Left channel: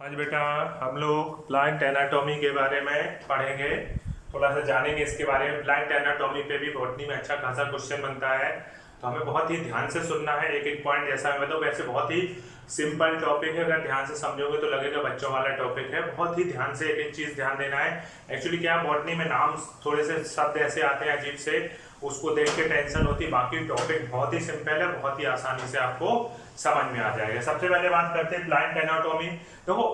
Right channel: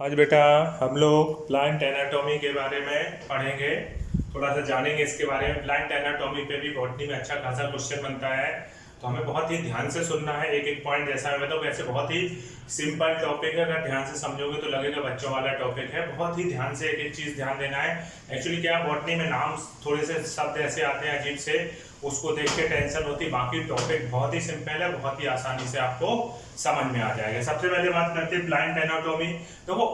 आज बेटा हम लोग प्लांट एनाटॉमी के बारे में पढ़ेंगे, थोड़ा सा जानेंगे इसके बारे में। प्लांट एनाटॉमी पे भी बॉटनी में अच्छा खासा क्वेश्चन बनता है, तो हमें बहुत ही ध्यान से सुनना है। एक एक पॉइंट जैसा मैं बताऊँ, वैसे बहुत ही सिंपल टॉपिक है, अगर ध्यान से समझोगे तो लगेगा बच्चों वाला टॉपिक है। बहुत ही ध्यान से एक एक चीज़ ध्यान देना है। एक्चुअली क्या, बॉटनी में नाम थोड़े से शब्द ऐसे आते हैं अजीब से, उसको देख के टेंशन होती है। बाकी टॉपिक बहुत ही सिंपल है, बहुत ही आसानी से आपको समझ में आ जाएगा। सबसे पहले बात करते हैं प्लांट एनाटॉमी। देखो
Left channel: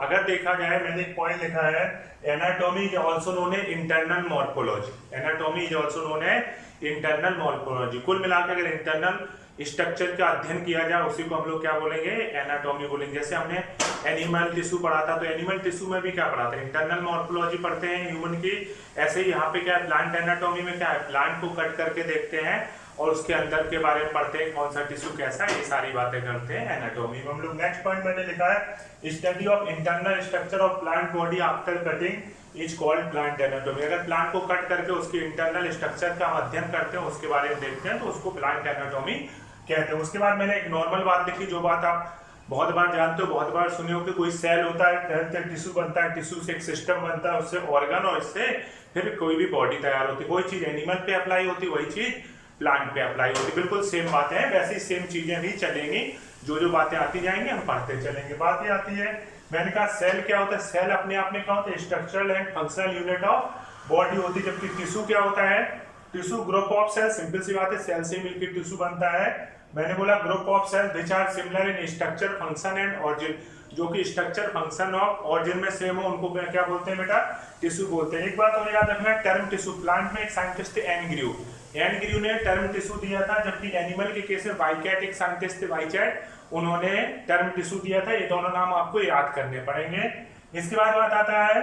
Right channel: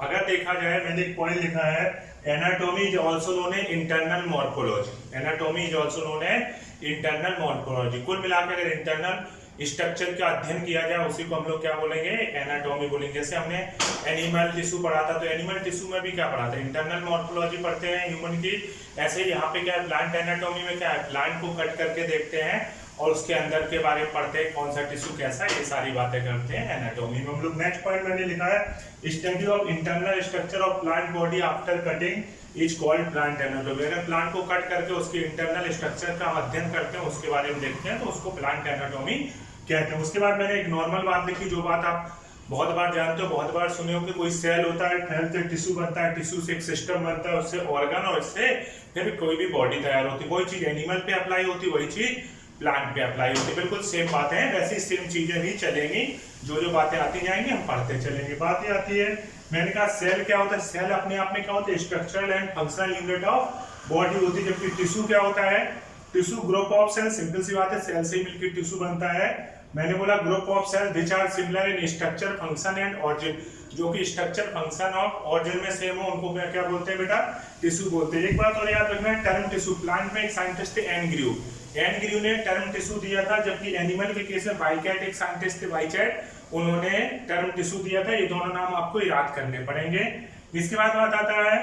अगर देखा जाए, मैंने एक पॉइंट लिखा है, anatomy is also known as internal morphology. Anatomy is also known as internal morphology. कुल मिलाकर अगर इंटरनल स्ट्रक्चर का अध्ययन किया जाए उसी को हम लोग क्या बोलेंगे, एनाटॉमी बोलेंगे। जैसे हमने एनिमल टिश्यू पढ़ा था, तो एनिमल टिश्यू में भी क्या पढ़ा था, इंटरनल मॉर्फोलॉजी पढ़ते हैं ह्यूमन की। ऐसे ही यहाँ पे क्या है, प्लांट एनाटॉमी में क्या है, प्लांट को कट करके देखते हैं और उसके अंदर के बारे में पढ़ते हैं, कौन सा टिश्यू कैसा है, ये सारी बातें करते हैं एनाटॉमी में हम लोग। नेक्स्ट पॉइंट मैंने लिखा है, study of internal structure of plant body after cutting is called plant anatomy. अगर प्लांट को कट करके उसके इंटरनल स्ट्रक्चर का अध्ययन करते हैं, उसके बारे में देखते हैं, तो उसको प्लांट एनाटॉमी कहते हैं। उसके बाद मैंने एक नॉर्मल बात लिखी, जो बात आप बहुत बार जानते हो, बहुत बार सुने हो कि कोई सेल होता है, सेल से टिश्यू बनता है, टिश्यू से एक सिस्टम बनता है, उससे ऑर्गन, और इससे फिर कोई भी बॉडी तैयार होती है। वही चीज एनिमल पे अप्लाई होती है, वही चीज प्लांट पे अप्लाई होती है। बिल्कुल सेम बातें हैं, वैसी सेम चीजें भी चलेंगी। जो जो बातें आती जाएंगी हम पढ़ते चलेंगे। बात ये आती है, मैंने कहा सेल क्या होता है। सेल अपने आप में क्या होता है, structural and functional unit of body होती है। जबकि टिश्यू क्या होता है, tissue group of cell, simple सी बात है, सेल से ही मिलकर टिश्यू बनता है। मैंने बोला group of cell which are similar in structure, function and origin. जो कि स्ट्रक्चर, फंक्शन और ऑरिजिन में सेम हो, उनको क्या बोलते हैं बेटा, टिश्यू बोलते हैं। एक बात और याद रखना, टर्म टिश्यू। प्लांट में एक साइंटिस्ट थे एनग्र्यू, एनग्र्यू ने टर्म टिश्यू दिया था, जबकि एनिमल के केस में वाइचैट एक साइंटिस्ट थे, वाइचैट, उन्होंने टर्म टिश्यू दिया था। ये दोनों नाम आपको याद करने पड़ेंगे। इसके बाद बात आता है,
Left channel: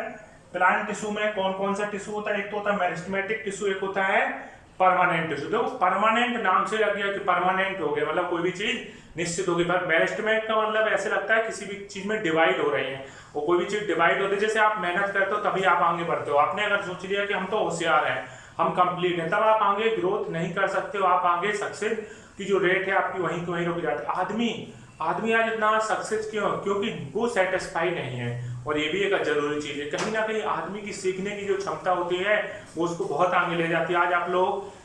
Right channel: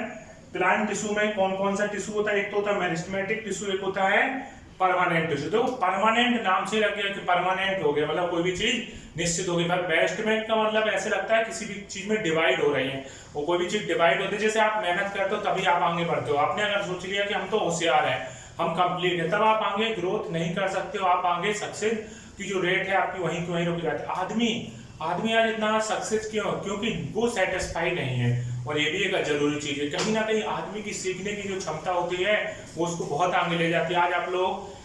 प्लांट टिश्यू में कौन कौन सा टिश्यू होता है। एक तो होता है मेरिस्टेमेटिक टिश्यू, एक होता है परमानेंट टिश्यू। देखो परमानेंट नाम से लग गया कि परमानेंट हो गया, मतलब कोई भी चीज निश्चित होगी। पर मेरिस्टेमेंट का मतलब ऐसे लगता है किसी भी चीज में डिवाइड हो रही है, वो कोई भी चीज डिवाइड होती है। जैसे आप मेहनत करते हो तभी आप आगे बढ़ते हो। आपने अगर सोच लिया कि हम तो होशियार हैं, हम कंप्लीट है, तब आप आगे ग्रोथ नहीं कर सकते हो। आप आगे सक्सेस की जो रेट है आपकी वहीं की वहीं रुक जाती है। आदमी आज इतना सक्सेस क्यों, क्योंकि वो सेटिस्फाई नहीं है। और ये भी एक जरूरी चीज है, कहीं ना कहीं आदमी की सीखने की जो क्षमता होती है वो उसको बहुत आगे ले जाती है। आज आप लोग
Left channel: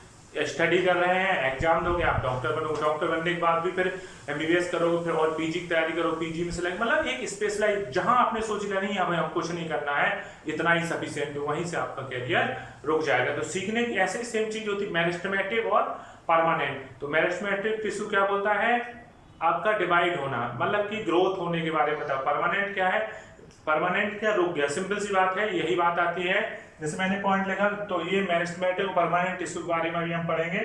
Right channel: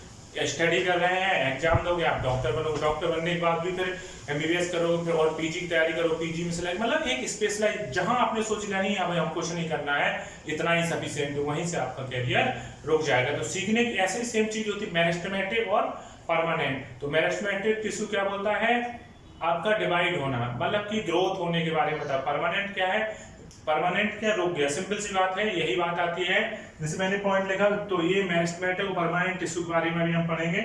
स्टडी कर रहे हैं, एग्जाम दोगे, आप डॉक्टर बनोगे, डॉक्टर बनने के बाद भी फिर एमबीबीएस करोगे, फिर और पीजी की तैयारी करो, पीजी में सिलेक्ट, मतलब एक स्पेशलाइज, जहां आपने सोच लिया नहीं अब हम कुछ नहीं करना है, इतना ही सफिशिएंट, वहीं से आपका कैरियर रुक जाएगा। तो सीखने की ऐसे सेम चीज होती है, मेरिस्टेमेटिक और परमानेंट। तो मेरिस्टेमेटिक टिश्यू क्या बोलता है, आपका डिवाइड होना, मतलब कि ग्रोथ होने के बारे में था। परमानेंट क्या है, परमानेंट क्या, रुक गया, सिंपल सी बात है। यही बात आती है, जैसे मैंने पॉइंट लिखा, तो ये मेरिस्टेमेटिक और परमानेंट टिश्यू के बारे में भी हम पढ़ेंगे।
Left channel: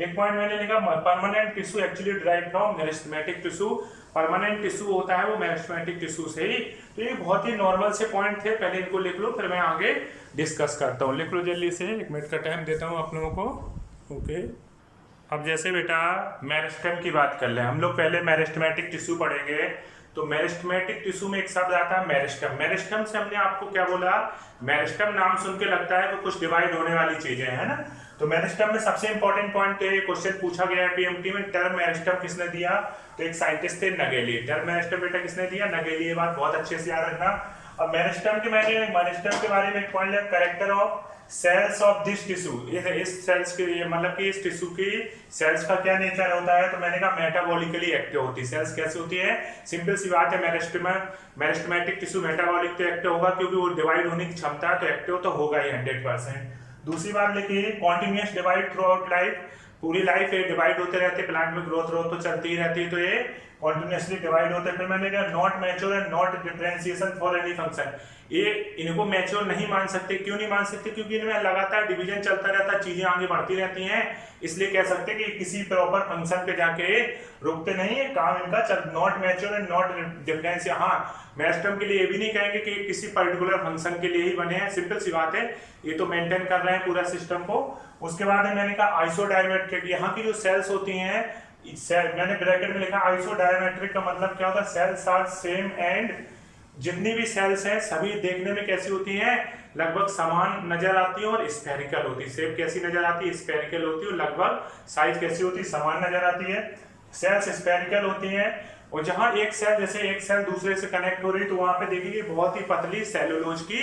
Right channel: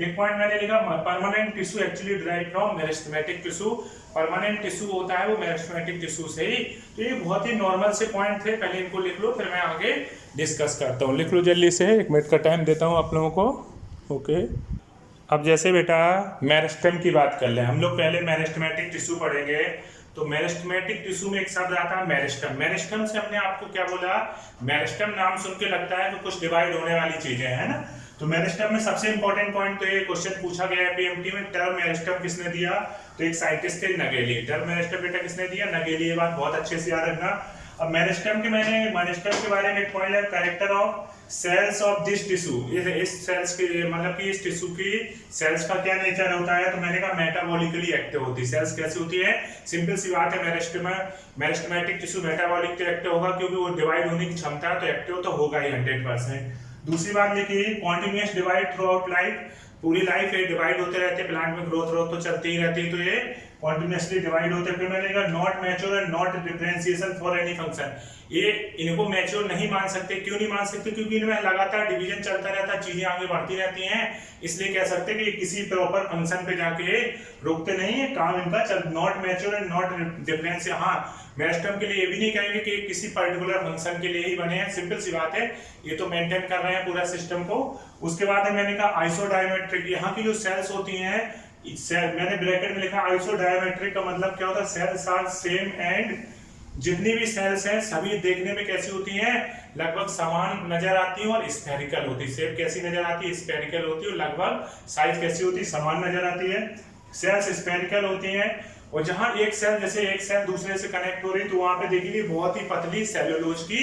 एक पॉइंट मैंने लिखा, permanent tissue actually derive from meristematic tissue. Permanent tissue होता है वो मेरिस्टेमेटिक टिश्यू से ही। तो ये बहुत ही नॉर्मल से पॉइंट थे, पहले इनको लिख लो, फिर मैं आगे डिस्कस करता हूँ। लिख लो जल्दी से, 1 मिनट का टाइम देता हूँ आप लोगों को। ओके, अब जैसे बेटा मेरिस्टेम की बात कर ले, हम लोग पहले मेरिस्टेमेटिक टिश्यू पढ़ेंगे। तो मेरिस्टेमेटिक टिश्यू में एक शब्द आता है मेरिस्टम। मेरिस्टम से हमने आपको क्या बोला, मेरिस्टम नाम सुन के लगता है तो कुछ डिवाइड होने वाली चीजें है ना। तो मेरिस्टम में सबसे इंपॉर्टेंट पॉइंट, तो ये क्वेश्चन पूछा गया है पीएमटी में, टर्म मेरिस्टम किसने दिया, तो एक साइंटिस्ट थे नगेली। टर्म मेरिस्टम बेटा किसने दिया, नगेली। ये बात बहुत अच्छे से याद रखना। अब मेरिस्टम के बारे में एक पॉइंट लिया, character of cells of this tissue. इस सेल्स के, मतलब कि इस टिश्यू की सेल्स का क्या नेचर होता है, तो मैंने कहा मेटाबॉलिकली एक्टिव होती है। सेल्स कैसी होती है, सिंपल सी बात है, मेरिस्टेमेटिक टिश्यू मेटाबॉलिक तो एक्टिव होगा, क्योंकि वो डिवाइड होने की क्षमता है, तो एक्टिव तो होगा ही 100%। दूसरी बात लिखी, continuous divide through out life. पूरी लाइफ ये डिवाइड होते रहते हैं, प्लांट में ग्रोथ तो चलती ही रहती है, तो ये कॉन्टिन्यूसली डिवाइड होते हैं। फिर मैंने कहा not mature and not differentiation for any function. ये इनको मैच्योर नहीं मान सकते। क्यों नहीं मान सकते, क्योंकि इनमें लगातार डिवीजन चलता रहता है, चीजें आगे बढ़ती रहती हैं, इसलिए कह सकते हैं कि किसी प्रॉपर फंक्शन पे जाके रुकते नहीं है, काम इनका चल। Not mature and not difference. हाँ, मेरिस्टम के लिए ये भी नहीं कहेंगे कि किसी पर्टिकुलर फंक्शन के लिए ही बने हैं, सिंपल सी बात है, ये तो मेंटेन कर रहे हैं पूरा सिस्टम को। उसके बाद मैंने कहा आइसोडायमेट्रिक। यहाँ की जो सेल्स होती हैं, मैंने ब्रैकेट में लिखा आइसोडायमेट्रिक का मतलब क्या होता है, सेल्स आर सेम एंड, जितनी भी सेल्स हैं सभी देखने में कैसी होती हैं, लगभग समान नजर आती है और स्फेरिकल होती है। शेप कैसी नजर आती है, स्फेरिकल होती है, और लगभग साइज कैसी होती है, समान नजर आती है। सेल्स स्फेरिकल होती हैं और जहां एक सेल जैसे एक सेल दूसरे से कनेक्ट हो रही तो वहां पे देखिए बहुत ही पतली सेलुलोज की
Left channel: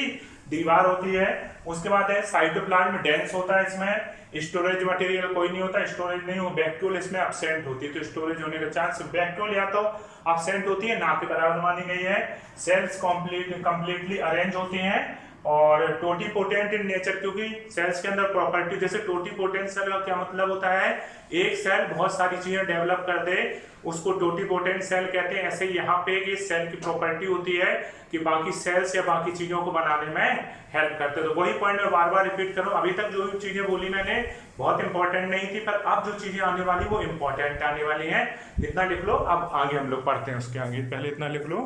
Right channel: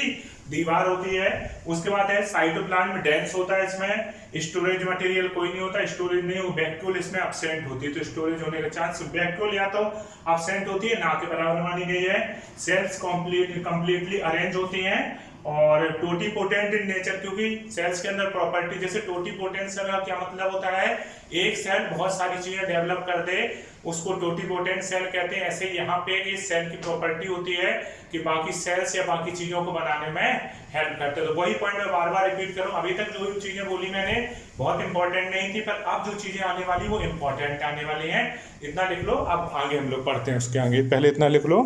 दीवार होती है। उसके बाद है साइटोप्लाज्म डेंस होता है, इसमें स्टोरेज मटेरियल कोई नहीं होता, स्टोरेज नहीं हो, वैक्यूल इसमें एब्सेंट होती है, तो स्टोरेज होने का चांस वैक्यूल या तो एब्सेंट होती है ना के बराबर मानी गई है। सेल्स कंप्लीटली अरेंज होती हैं और टोटीपोटेंट इन नेचर, क्योंकि सेल्स के अंदर प्रॉपर्टी जैसे टोटीपोटेंट सेल का क्या मतलब होता है, एक सेल बहुत सारी चीजें डेवलप कर दे उसको टोटीपोटेंट सेल कहते हैं। ऐसे यहाँ पे इस सेल की प्रॉपर्टी होती है कि बाकी सेल्स या बाकी चीजों को बनाने में हेल्प करते हैं। तो वही पॉइंट मैं बार बार रिपीट करूं, अभी तक जो चीजें बोली मैंने बहुत इंपॉर्टेंट नहीं थी, पर अब जो चीजें आने वाली वो इंपॉर्टेंट आने वाली हैं। इतना लिख लो, अब आगे हम लोग पढ़ते हैं उसके आगे, पहले इतना लिख लो,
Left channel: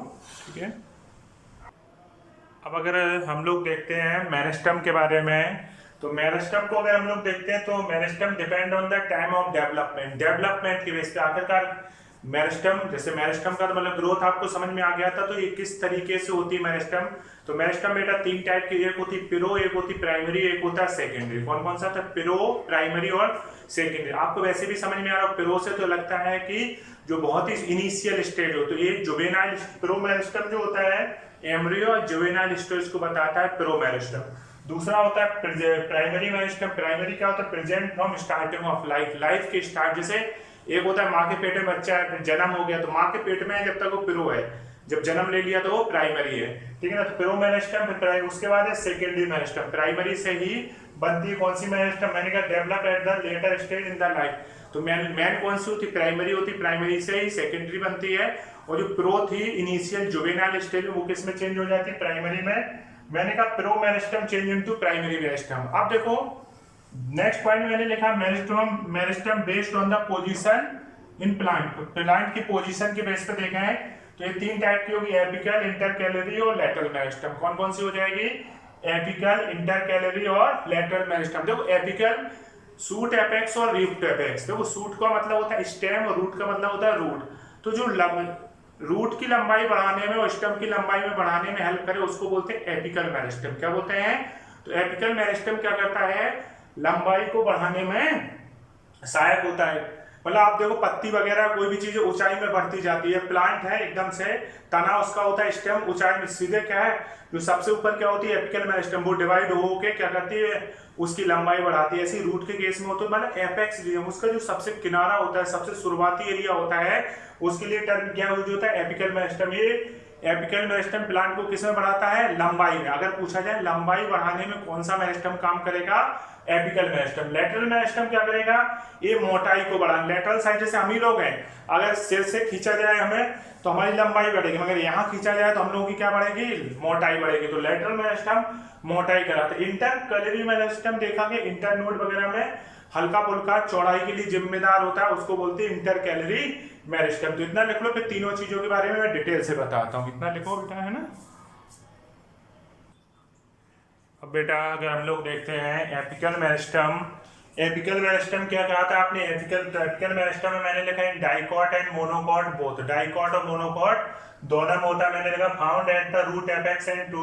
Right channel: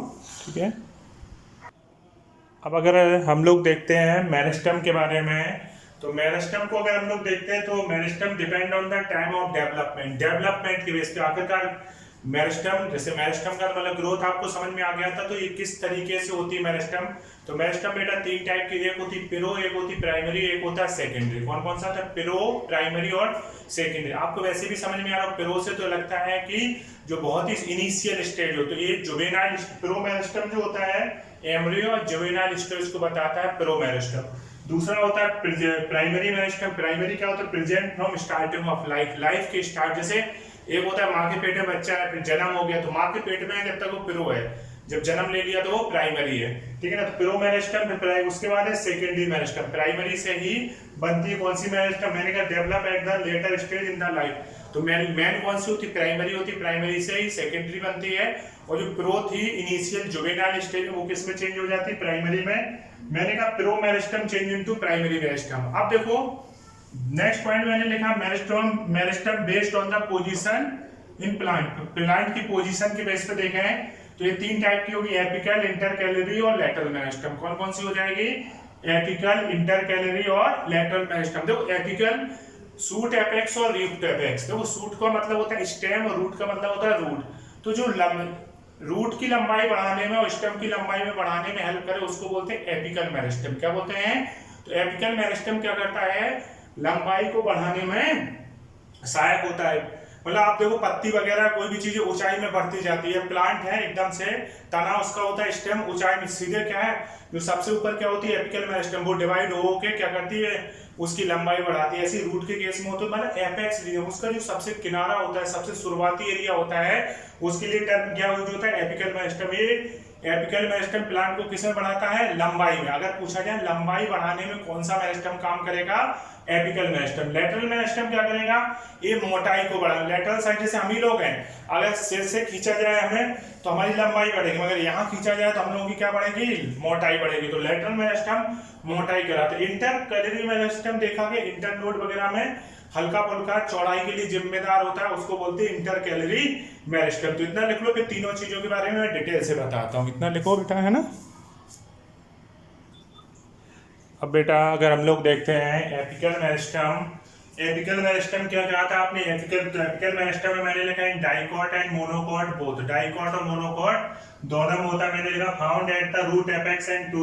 ठीक है। अब अगर हम लोग देखते हैं मेरिस्टम के बारे में, तो मेरिस्टम को अगर हम लोग देखते हैं तो meristem depend on the time of development की बेस पे आखिरकार मेरिस्टम, जैसे मेरिस्टम का मतलब ग्रोथ आपको समझ में आ गया था, तो ये किस तरीके से होती है मेरिस्टम। तो मेरिस्टम बेटा तीन टाइप की, एक होती पिरो, एक होती प्राइमरी, एक होता है सेकेंडरी। कौन कौन सा था, पिरो, प्राइमरी और सेकेंडरी। आपको वैसे भी समझ में आ रहा है, पिरो से तो लगता है कि जो बहुत ही इनिशियल स्टेज हो, तो ये जुवेनाइल पिरो मेरिस्टम जो होता है एम्ब्रियो और जुवेनाइल स्टेज को बताता है पिरो मेरिस्टम। दूसरा होता है प्राइमरी मेरिस्टम। प्राइमरी क्या होता है, present from starting of life के स्टार्ट, जैसे एक होता है माँ के पेट में बच्चा है, फिर जन्म हो गया तो माँ के पेट में है जब तक वो पिरो है, जब जन्म ले लिया तो वो प्राइमरी है, ठीक है ना। तो पिरो मेरिस्टम, फिर उसके बाद है सेकेंडरी मेरिस्टम। प्राइमरी से ही बनती है कौन सी मेरिस्टम, मैंने कहा develop at the later stage in the life. तो मेन कौन सी होती, प्राइमरी होती, प्राइमरी से ही सेकेंडरी बनती है। और जो पिरो थी इनिशियल जुवेनाइल स्टेज में, वो किस में चेंज हो जाती है, प्राइमरी में। मैंने कहा पिरो meristem change into primary meristem. अब देखो नेक्स्ट पॉइंट मैंने लिखा meristem based on the position in plant की पोजीशन के बेस पे देखे हैं तो ये तीन टाइप की होगी, एपिकल, इंटरकैलरी और लैटरल मेरिस्टम। कौन कौन सी हो जाएगी, एपिकल, इंटरकैलरी और लैटरल मेरिस्टम। देखो एपिकल सूट एपेक्स और रूट एपेक्स। देखो सूट का मतलब होता है स्टेम और रूट का मतलब होता है रूट। तो जो रूट की लंबाई बढ़ाने में और स्टेम की लंबाई में बढ़ाने में हेल्प करे उसको बोलते हैं एपिकल मेरिस्टम। क्या बोलते हैं, तो एपिकल मेरिस्टम क्या करता है, लंबाई को बढ़ाने में सहायक होता है। मतलब आप देखो पत्ती वगैरह कोई भी चीज ऊंचाई में बढ़ती जाती है, प्लांट है एकदम से तना उसका होता है स्टेम ऊंचाई में, सीधे क्या है जो सबसे ऊपर क्या होती है एपिकल मेरिस्टम, वो डिवाइड हो के क्या करती है उसकी लंबाई बढ़ाती है। ऐसी रूट के केस में होता है, मतलब एपेक्स रीजन, उसका जो सबसे किनारा होता है, सबसे शुरुआती एरिया होता है, उसके लिए टर्म क्या यूज होता है, एपिकल मेरिस्टम। ये एपिकल मेरिस्टम प्लांट को किसमें बढ़ाता है, लंबाई में। अगर पूछा जाए लंबाई बढ़ाने में कौन सा मेरिस्टम काम करेगा, एपिकल मेरिस्टम। लेटरल मेरिस्टम क्या करेगा, ये मोटाई को बढ़ा, लेटरल साइड जैसे हम ही लोग हैं, अगर सिर से खींचा जाए हमें तो हमारी लंबाई बढ़ेगी, मगर यहाँ खींचा जाए तो हम लोगों की क्या बढ़ेगी, मोटाई बढ़ेगी। तो लेटरल मेरिस्टम मोटाई कराता है। इंटरकैलरी मेरिस्टम देखा कि इंटरनोड वगैरह में हल्का फुल्का चौड़ाई के लिए जिम्मेदार होता है, उसको बोलते हैं इंटरकैलरी मेरिस्टम। तो इतना लिख लो, फिर तीनों चीजों के बारे में मैं डिटेल से बताता हूँ। इतना लिखो बेटा, है ना। अब बेटा अगर हम लोग देखते हैं एपिकल मेरिस्टम क्या कहा था आपने, एपिकल मेरिस्टम में मैंने लिखा है dicot and monocot both. Dicot और मोनोकॉट दोनों में होता है, मैंने लिखा found at the root apex and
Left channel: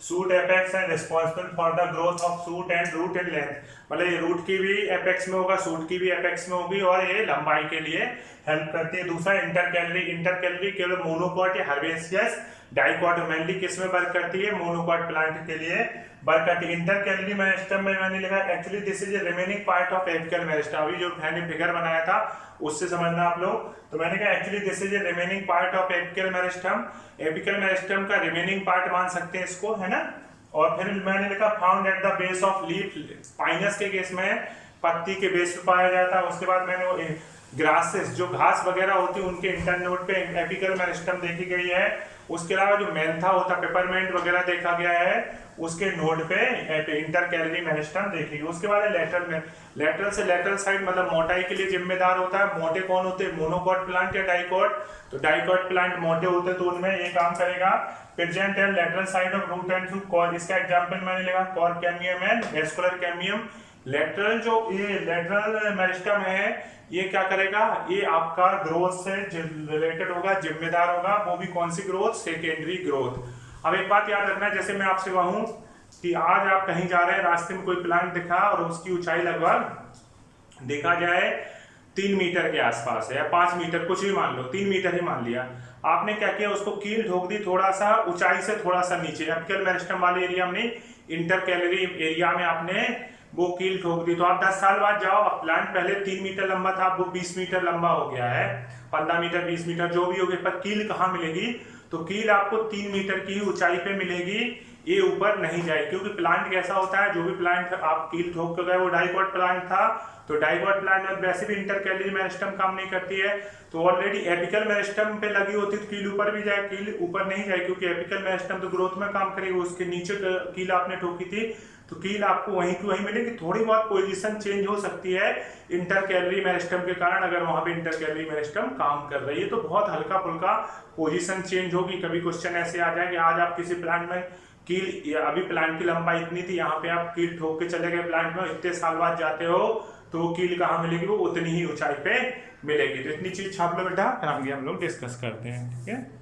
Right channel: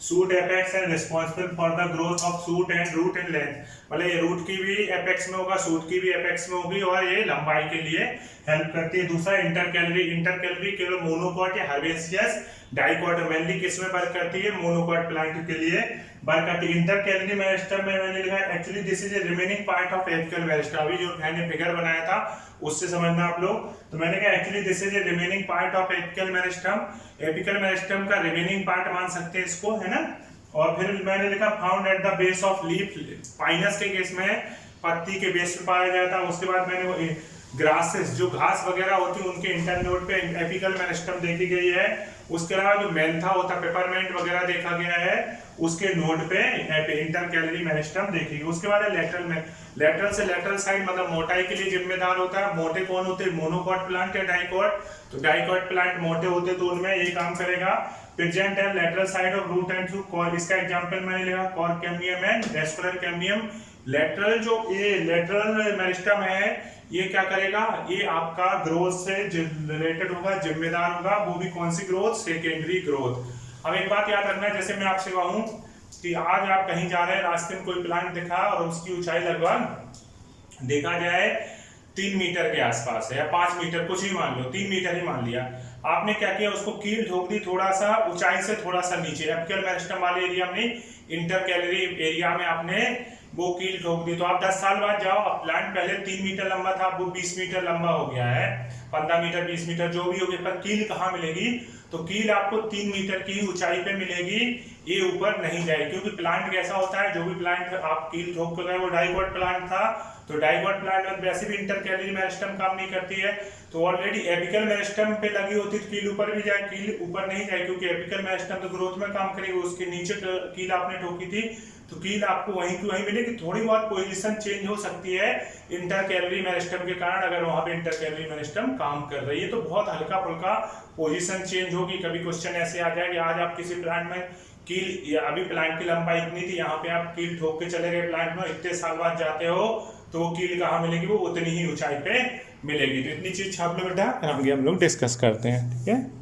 shoot apex and responsible for the growth of shoot and root in length. मतलब ये रूट की भी एपेक्स में होगा, शूट की भी एपेक्स में होगी, और ये लंबाई के लिए हेल्प करती है। दूसरा इंटरकैलरी केवल मोनोकॉट या हर्बेसियस, डाइकॉट मेनली किस में वर्क करती है, मोनोकॉट प्लांट के लिए वर्क करती है। इंटरकैलरी मेरिस्टम में मैंने लिखा actually this is a remaining part of apical meristem. अभी जो मैंने फिगर बनाया था उससे समझना आप लोग। तो मैंने कहा actually this is a remaining part of apical meristem. Apical meristem का रिमेनिंग पार्ट मान सकते हैं इसको, है ना। और फिर मैंने लिखा found at the base of leaf, Pinus के केस में पत्ती के बेस पे पाया जाता है। उसके बाद मैंने वो ग्रासेस जो घास वगैरह होती है उनके इंटरनोड पे एपिकल मेरिस्टम देखी गई है। उसके अलावा जो मेंथा होता है, पेपरमेंट वगैरह देखा गया है, उसके नोड पे इंटरकैलरी मेरिस्टम देखी। उसके बाद लेटरल में, लेटरल से लेटरल साइड मतलब मोटाई के लिए जिम्मेदार होता है। मोटे कौन होते हैं, मोनोकॉट प्लांट या डाइकॉट। तो डाइकॉट प्लांट मोटे होते तो उनमें ये काम करेगा। Present and lateral side of root and shoot, इसका एग्जांपल मैंने लिखा cork cambium and vascular cambium. Lateral जो ये लेटरल मेरिस्टम है ये क्या करेगा, ये आपका ग्रोथ से रिलेटेड होगा, जिम्मेदार होगा। वो भी कौन सी ग्रोथ, सेकेंडरी ग्रोथ। अब एक बात याद रखना, जैसे मैं आपसे कहूं कि आज आप कहीं जा रहे हैं, रास्ते में कोई प्लांट दिखा और उसकी ऊंचाई लगभग देखा जाए 3 मीटर के आसपास है या 5 मीटर, कुछ भी मान लो, 3 मीटर ही मान लिया। आपने क्या किया, उसको कील ठोक दी थोड़ा सा ऊंचाई से थोड़ा सा नीचे, एपिकल मेरिस्टम वाले एरिया में, इंटरकैलरी एरिया में आपने वो कील ठोक दी। तो आप 10 साल बाद जाओ, अब प्लांट पहले 3 मीटर लंबा था, अब वो 20 मीटर लंबा हो गया है, 15 मीटर 20 मीटर जो भी हो गया, पर कील कहाँ मिलेगी, तो कील आपको 3 मीटर की ऊंचाई पे मिलेगी, ये ऊपर नहीं जाएगी। क्योंकि प्लांट कैसा होता है, जो भी प्लांट आप कील ठोक के गए वो डाइकोट प्लांट था, तो डाइकोट प्लांट में वैसे भी इंटरकैलरी मेरिस्टम काम नहीं करती है, तो ऑलरेडी एपिकल मेरिस्टम पे लगी होती तो कील ऊपर भी जाए, कील ऊपर नहीं जाए, क्योंकि एपिकल मेरिस्टम तो ग्रोथ में काम करेगी, उसके नीचे कील आपने ठोकी थी, तो कील आपको वहीं की वहीं मिलेगी। थोड़ी बहुत पोजीशन चेंज हो सकती है इंटरकैलरी मेरिस्टम के कारण, अगर वहां पे इंटरकैलरी मेरिस्टम काम कर रही है तो बहुत हल्का फुल्का पोजीशन चेंज होगी। कभी क्वेश्चन ऐसे आ जाए कि आज आप किसी प्लांट में कील, अभी प्लांट की लंबाई इतनी थी, यहाँ पे आप कील ठोक के चले गए प्लांट में, इतने साल बाद जाते हो तो वो कील कहाँ मिलेगी, वो उतनी ही ऊंचाई पे मिलेगी। तो इतनी चीज छाप लो बेटा, आगे हम लोग डिस्कस करते हैं, ठीक है।